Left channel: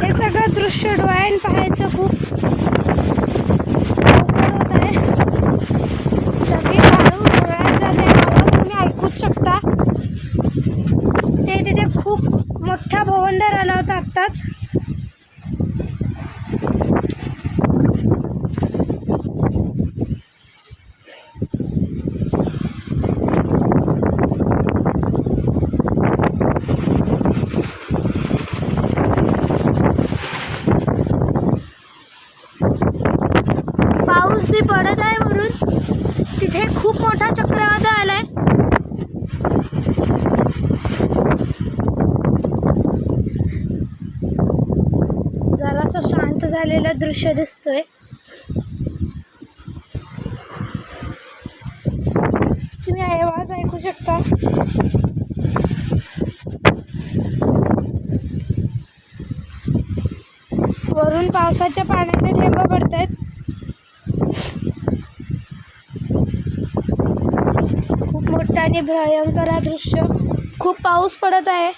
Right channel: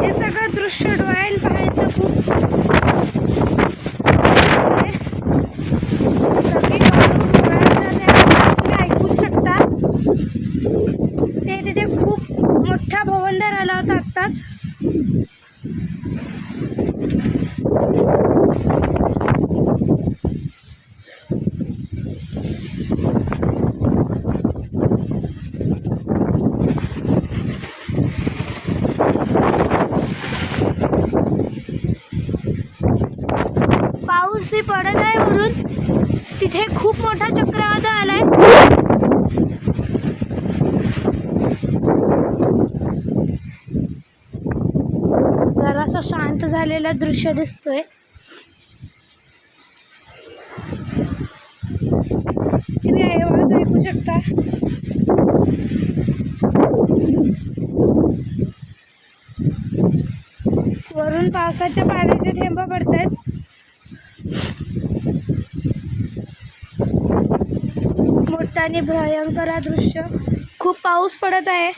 हे सगळं दृश्य डोळ्याने पाहायचं खूप सगळी काढून डोळ्यात जाते, तुम्ही ऐकूच शकता. ते तिथे खूप मोठा भवंडर आला होता आत्ताच. पाऊसही पडत आहे वरून. तिथे खूप मोठा चक्रवात आलाय. जरासं शांत झालेलं दृश्य दिसतोय. तुम्ही आवाज ऐकू शकता. वरून पावसाच्या पाण्याचे थेंब पडतायत. खूप मोठा आणि भयंकर हा दृश्य. खूप पाऊस पडत आहे.